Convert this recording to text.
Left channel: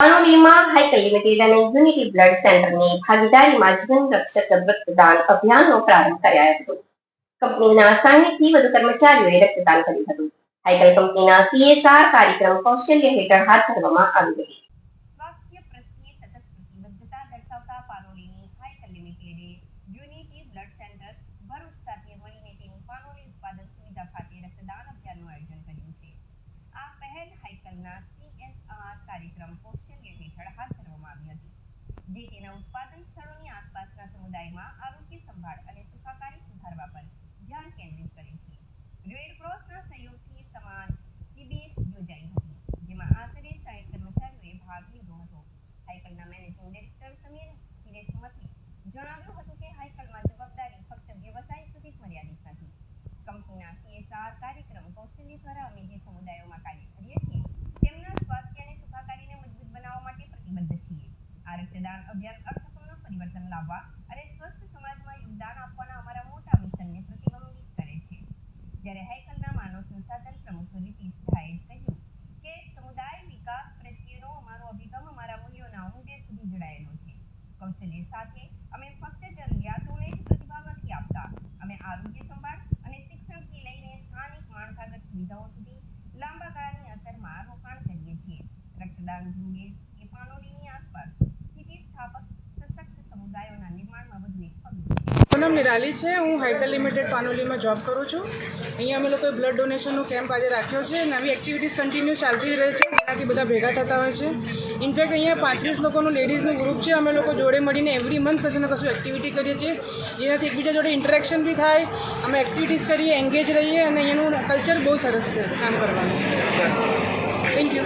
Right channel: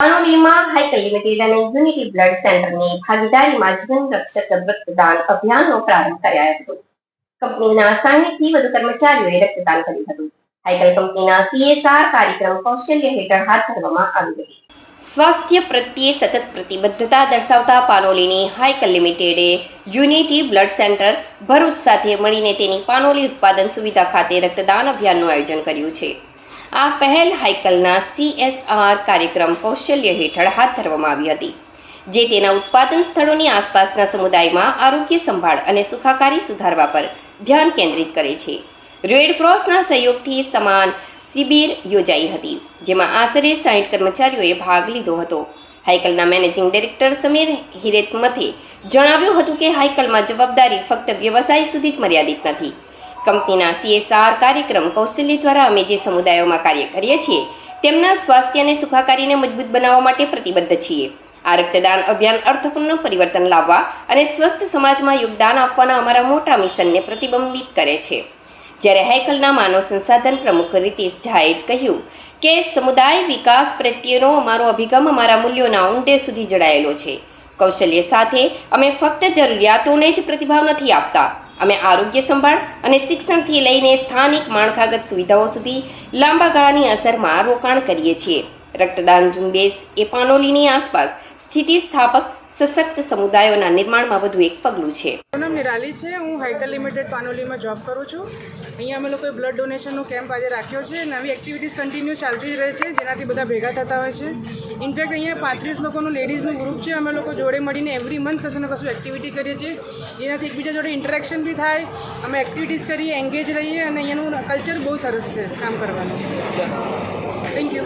પાનોલીમાં Hikal limited અને unity blood સેન્ટરની ભાગીદારીમાં જીવન રક્ષક રક્તદાન અભિયાનનો પ્રારંભ કરાયો હતો. કંપનીના સાહીઠથી વધુ કર્મચારીઓએ રક્તદાન કર્યું હતું. હાઈકલ કંપનીના સીએસઆર કાર્યક્રમ કૌશલ્ય હેઠળ હાથ ધરવામાં આવી હતી. સ્વાસ્થ્ય પ્રત્યે સતત પ્રતિબદ્ધતા દર્શાવતા પાનોલીની હાઈકલ લિમિટેડે યુનિટી બ્લડ સેન્ટર ભરૂચ સાથે મળીને તેની પાનોલી ઉત્પાદન સુવિધા ખાતે રક્તદાન અભિયાનનું આયોજન કર્યું છે. આ પહેલ હાઇકલના સીએસઆર કાર્યક્રમ કૌશલ્ય હેઠળ હાથ ધરવામાં આવી હતી, જે તેના ઉત્પાદન સ્થળોની આસપાસના સમુદાયમાં આરોગ્ય સંભાળ અને સુખાકારી સુધારવા પર ધ્યાન કેન્દ્રિત કરે છે. રેડ ક્રોસના સહયોગથી સમાન શિબિર યોજાઈ હતી, જેમાં આશરે સાઠ કર્મચારીઓએ ભાગ લીધો હતો. હાઇકલના મેનેજિંગ ડિરેક્ટર સમીર હિરેતમથે જણાવ્યું હતું કે હાઇકલમાં જવાબદારી ફક્ત વ્યવસાય સુધી જ મર્યાદિત નથી. કંપનીના સીએસઆર કાર્યક્રમ કૌશલ્ય દ્વારા અમે જે સમુદાયોમાં કાર્ય કરીએ છીએ, તેમના સ્વાસ્થ્ય અને સુખાકારીને મજબૂત બનાવવા માટે પ્રતિબદ્ધ છીએ. આ રક્તદાન અભિયાન અર્થપૂર્ણ પરિવર્તન લાવવા અને સ્વસ્થ સમાજમાં યોગદાન આપવાના અમારા મોટા મિશનને પ્રતિબંબિત કરે છે. જ્યારે હાઇકલના માનવ સંસાધન પ્રમુખ રીતિશ ઝાએ જ કહ્યું કે, સમુદાય વિકાસ પ્રત્યેનો અમારો અભિગમ અમારા મૂલ્યોના ઊંડે સુધી જડાયેલો છે. કૌશલ્ય સાથે અમે ફક્ત જરૂરિયાતોને જ પ્રતિભાવ નથી આપતા. અમે આરોગ્ય સંભાળ અને શિક્ષણથી લઈને સ્થાનિક માળખાગત સુવિધાઓ સુધી લાંબા ગાળાની અસરમાં રોકાણ કરીએ છીએ. રક્તદાન ઝુંબેશ એ પાનોલીની આસપાસ સ્થિતિસ્થાપક સશક્ત સમુદાયોના નિર્માણમાં વધુ એક પગલું છે. મારું નામ નિરાલી છે. હું હાઇકલ લિમિટેડ પાનોલીમાં જોબ કરું છું. અહીંયા અમે લોકોએ બ્લડ ડોનેશનનો કેમ્પ આજે રાખ્યો છે નવી એક્ટિવિટીઝ કન્ટિન્યુ ચાલતી જ રહે છે, જેનાથી બધા ભેગા થતા હોય છે. ઇનફેક્ટ અહીંયા પાંત્રીસ લોકોનું લેડીઝનું ગ્રુપ છે. અમે લોકો જોડે મળીને એવરી મંથ કશું ને કશું એક્ટિવિટી કરીએ છીએ. જેનાથી એકબીજા જોડે ઇન્ટરેક્શન બી થાય. અમે એક્ટિવિટીઝ કરીએ એન્ગેજ રહીએ અને અહીંયાનું કલ્ચર બહુ સરસ છે કામ કરવાનું. Thank you